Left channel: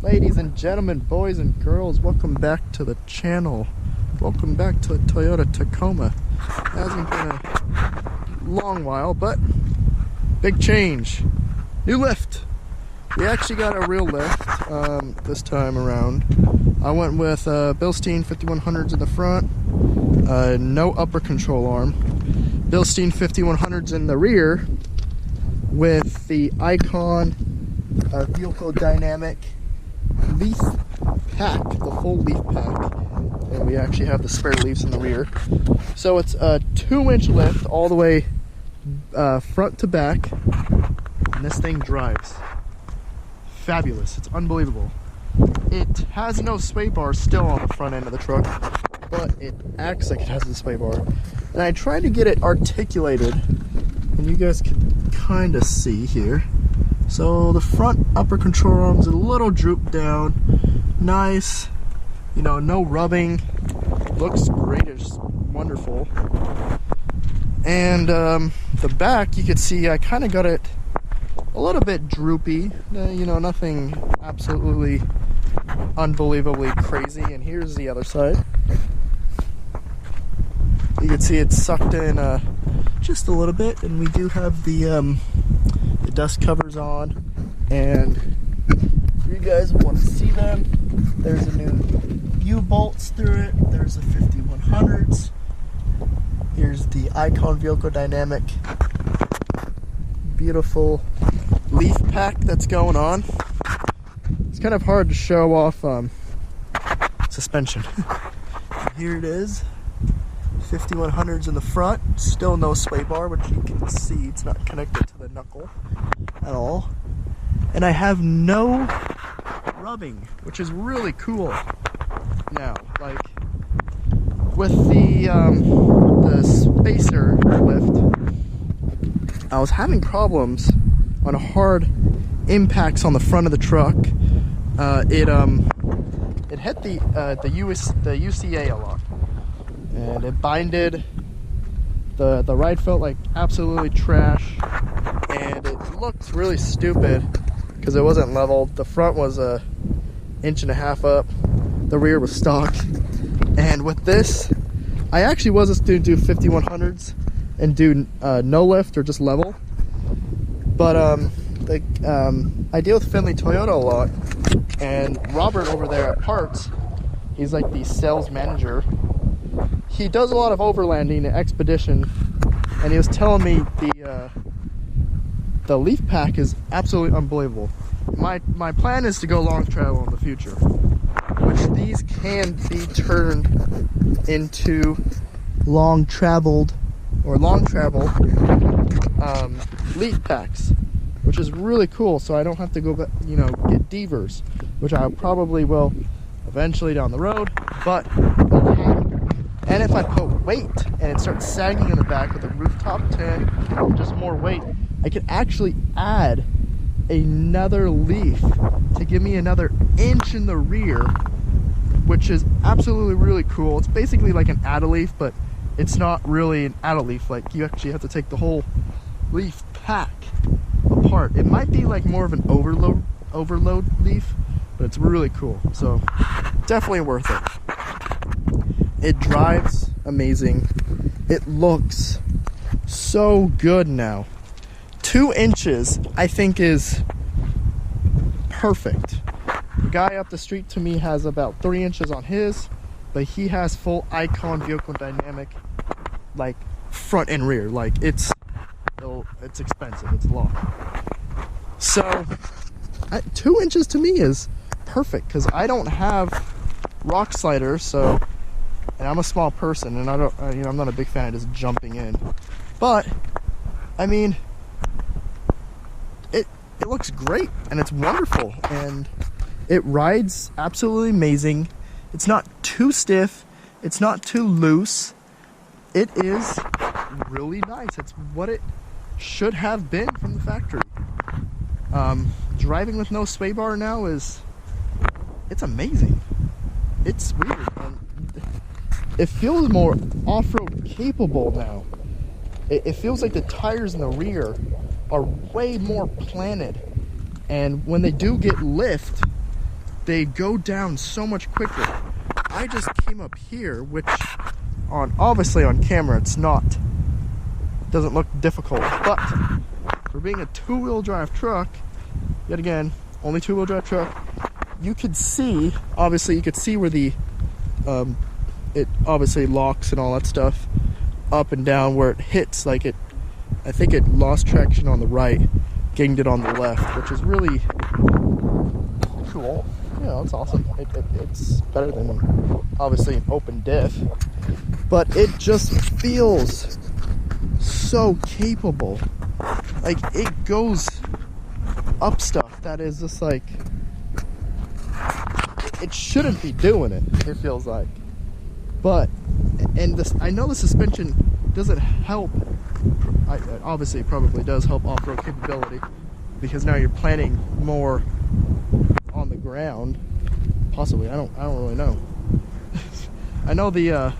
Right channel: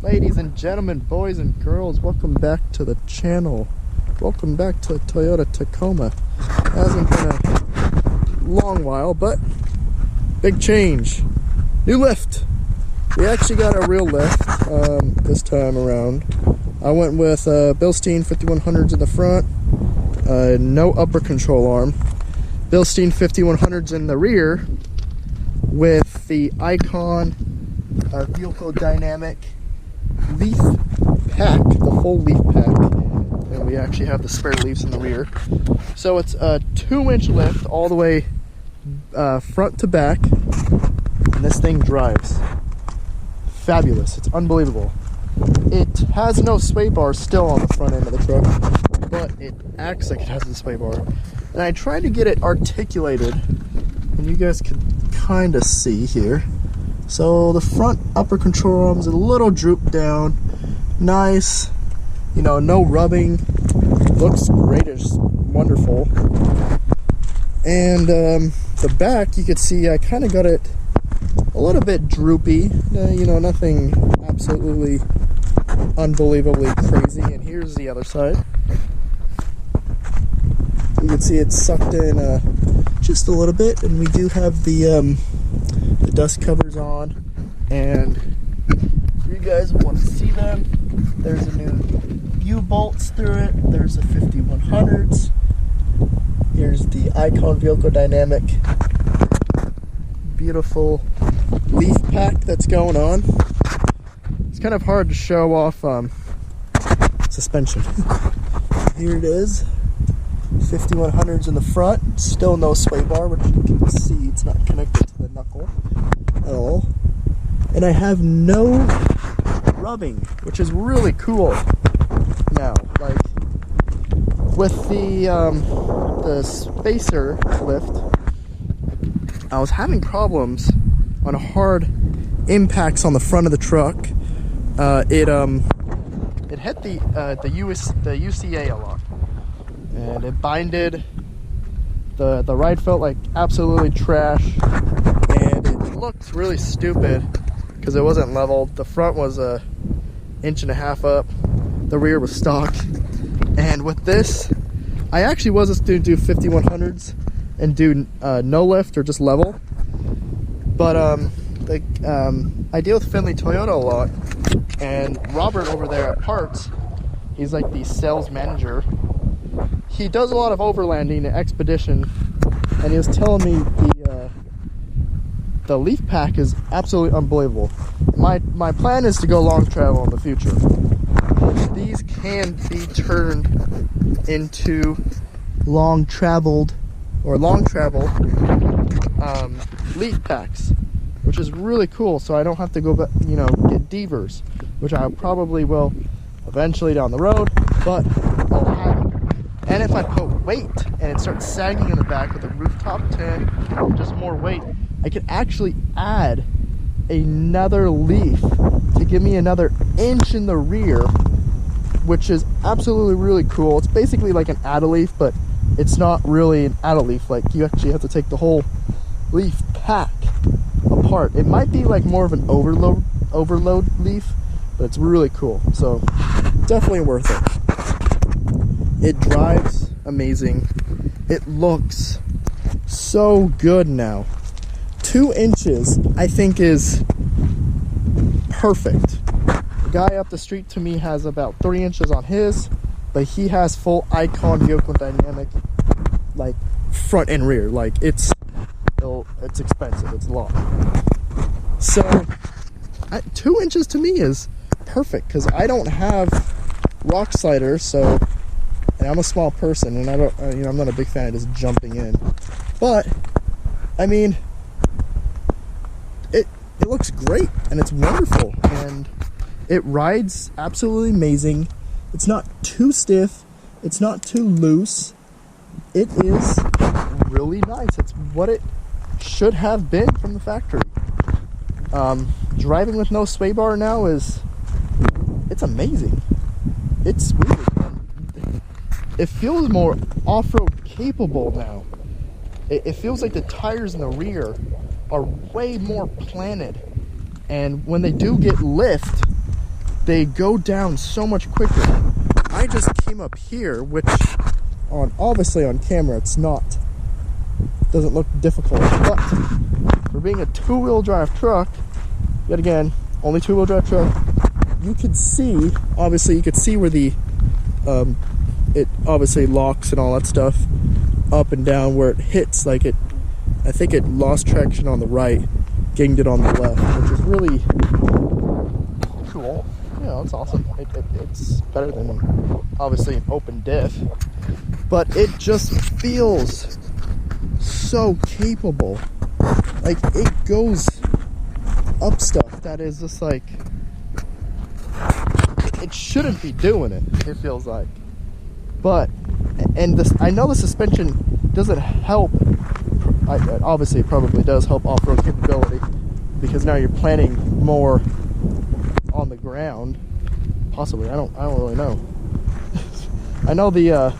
Ladies and gentlemen, boys and girls, welcome back to the channel. Welcome back to the Toyota Tacoma. It hasn't been a long while, but big change. New lift. We actually got a real lift this time around. I went with Bilstein 5100s in the front, no upper control arm. Bilstein 5100s in the rear with the Icon vehicle dynamic leaf pack, the full leaf pack, and we actually have the spare leaves in the rear. So it's a 2-inch lift all the way front to back, and this thing drives fabulous. It's unbelievable. It has no sway bar still on the front end of the truck, but it acts like it has a sway bar. And I tried to get it articulated, and you guys can kind of see here. So the front upper control arm's a little drooped down. Nice, you know, no rubbing. Looks great, it's wonderful. And the back, you could see I kind of got it a little bit droopy. You know, nothing absolutely unbelievably crazy. And here's the other side. You can see it's sucked in just a little bit, and we do have the dust covers on, and if you guys want to see them, there's a new U-bolts through it. There's the 5100s. Here's the Icon vehicle dynamic beautiful leaf pack that's going on. It's kind of hard to show off suspension. Here it is, 5100s in the front, still no sway bar, which you can see it's not connected to the knuckle at all. And I have no rubbing, which is really cool now. Like with the spacer lift, I was having problems on hard impacts on the front of the truck. It hit the UCA a lot, and it binded. The ride felt like absolutely trash, and it looked really stupid because it wasn't leveled. The front was 1.5 inches up, the rear was stock. And with this, I actually was just going to do 5100s and do no lift or just level. But I deal with Finley Toyota a lot, and Robert over there at Parts, he's like the sales manager. He does a lot of overlanding and expedition, and he was telling me the leaf pack is absolutely unbelievable. My plan is to go long travel in the future, which these can be turned into long travel leaf packs, which is really cool. So I don't have to go back, you know, get Devers, which I probably will eventually down the road, but I'll have it. And if I put weight and it starts sagging in the back with a rooftop tent, just more weight, I could actually add another leaf to give me another inch in the rear, which is absolutely really cool. It's basically like an add-a-leaf, but it's not really an add-a-leaf. Like, you actually have to take the whole leaf pack apart. It might be like more of an overload leaf, but it's really cool. So definitely worth it. It drives amazing. It looks so good now. 2 inches, I think, is perfect. The guy up the street to me has about 3 inches on his, but he has full Icon vehicle dynamic, like front and rear. Like it's expensive. It's a lot. So 2 inches to me is perfect because I don't have rock sliders, so. And I'm a small person, and I don't, you know, I'm not a big fan of just jumping in. But I mean, it looks great, and it's wonderful, and it rides absolutely amazing. It's not too stiff, it's not too loose. It is really nice. It's what it should have been from the factory. Driving with no sway bar now it's amazing. It's weird, and it feels more off-road capable now. It feels like the tires in the rear are way more planted, and when they do get lift, they go down so much quicker. I just came up here, which obviously on camera doesn't look difficult, but for being a two-wheel drive truck, yet again, only two-wheel drive truck, you could see, obviously you could see where the it obviously locks and all that stuff up and down where it hits. Like I think it lost traction on the right, gained it on the left, which is really cool. You know, it's awesome. It's better than obviously an open diff, but it just feels so capable. Like, it goes up stuff that is just like, it shouldn't be doing it, it feels like. But, and this, I know the suspension doesn't help, obviously it probably does help off-road capability, because now you're planning more on the ground, possibly. I don't really know. I know the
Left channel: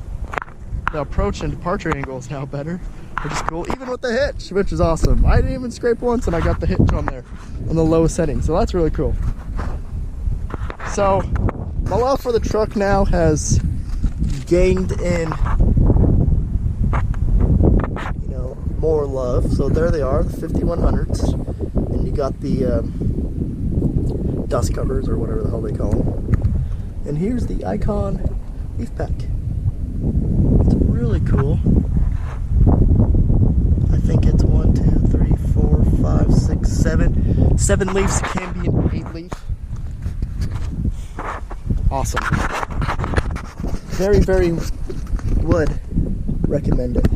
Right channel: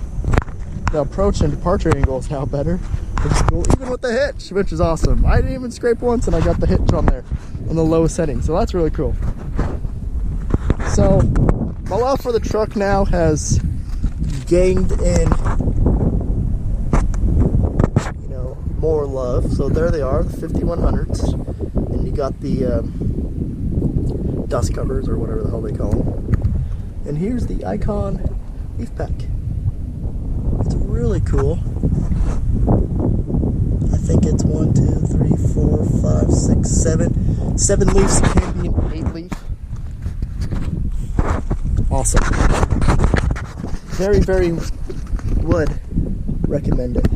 approach and departure angle is now better, which is cool, even with the hitch, which is awesome. I didn't even scrape once, and I got the hitch on there on the lowest setting, so that's really cool. So my love for the truck now has gained in, you know, more love. So there they are, the 5100s, and you got the dust covers, or whatever the hell they call them. And here's the Icon leaf pack. It's really cool. I think it's 1, 2, 3, 4, 5, 6, 7. 7 leaves. It can be an 8 leaf. Awesome. Very, very would recommend it.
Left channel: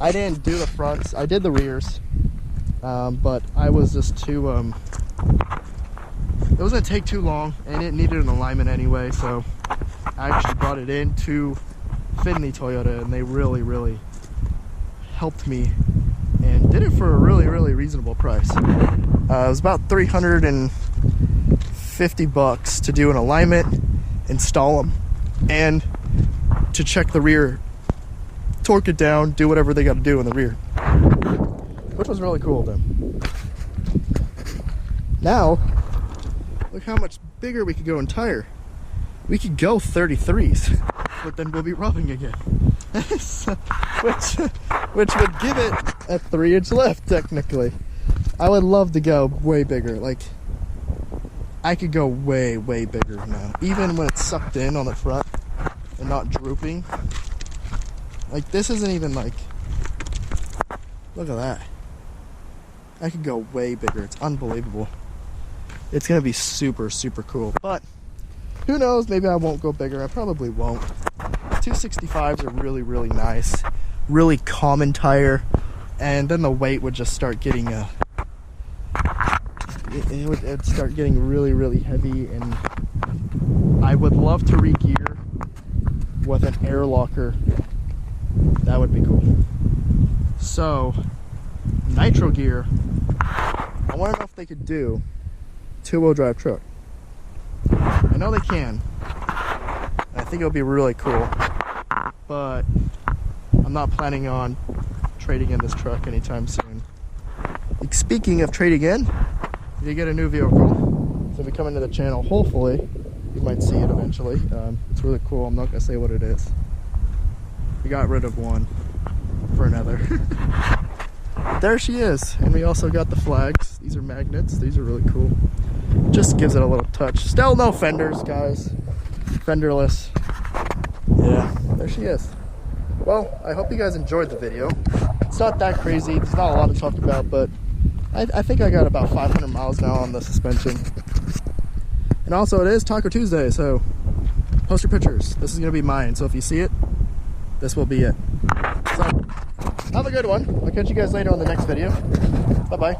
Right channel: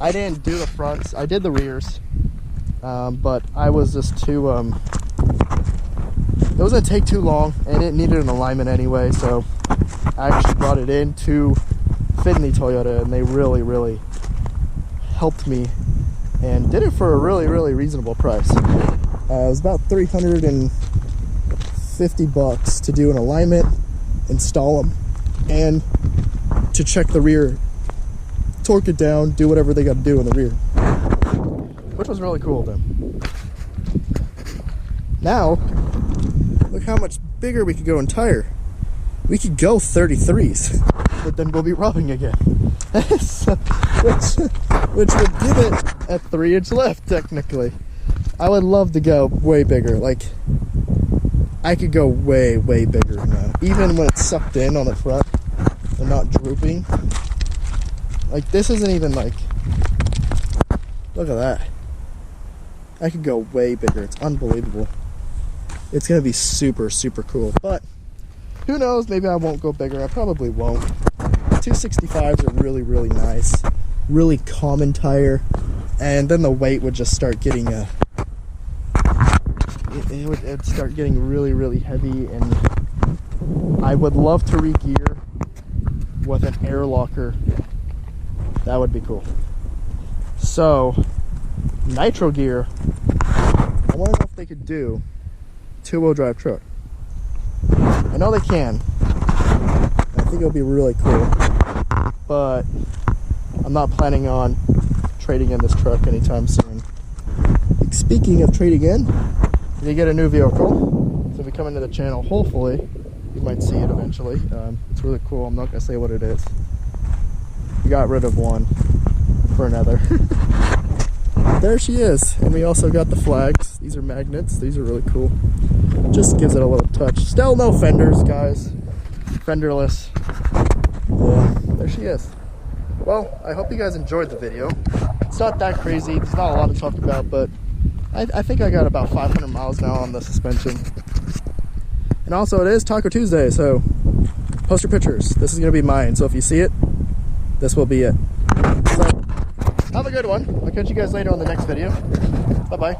I didn't do the fronts. I did the rears, but I was just too. It was gonna take too long, and it needed an alignment anyway. So I actually brought it in to Finley Toyota, and they really, really helped me and did it for a really, really reasonable price. It was about $350 to do an alignment, install them, and to check the rear, torque it down, do whatever they got to do in the rear, which was really cool of them. Now look how much bigger we could go in tire. We could go 33s, but then we'll be rubbing again. So, which would give it a 3-inch lift technically. I would love to go way bigger. Like, I could go way, way bigger now, even when it's sucked in on the front and not drooping. Like, this isn't even like, look at that. I could go way bigger. It's unbelievable. It's gonna be super, super cool. But who knows, maybe I won't go bigger. I probably won't. 265s are really, really nice, really common tire, and then the weight would just start getting it'd start getting really, really heavy, and I would love to re-gear with an air locker. That would be cool. So nitro gear, I want to know if they could do two-wheel drive truck. I know they can. I think it'll be really cool, but I'm not planning on trading in this truck anytime soon. Speaking of trading in, if you get a new vehicle, so if you come into the channel, hopefully you might see it eventually. It's really cool. I'm not gonna say what it is. We got rid of one for another. There she is, and we also got the flags. These are magnets. These are really cool. Just gives it a little touch. Still no fenders, guys. Fenderless. Yeah, there she is. Well, I hope you guys enjoyed the video. It's not that crazy. There's not a lot to talk about, but I think I got about 500 miles now on the suspension. And also, it is Taco Tuesday, so post your pictures. This is going to be mine, so if you see it, this will be it. So, have a good one. I'll catch you guys later on the next video. Bye-bye.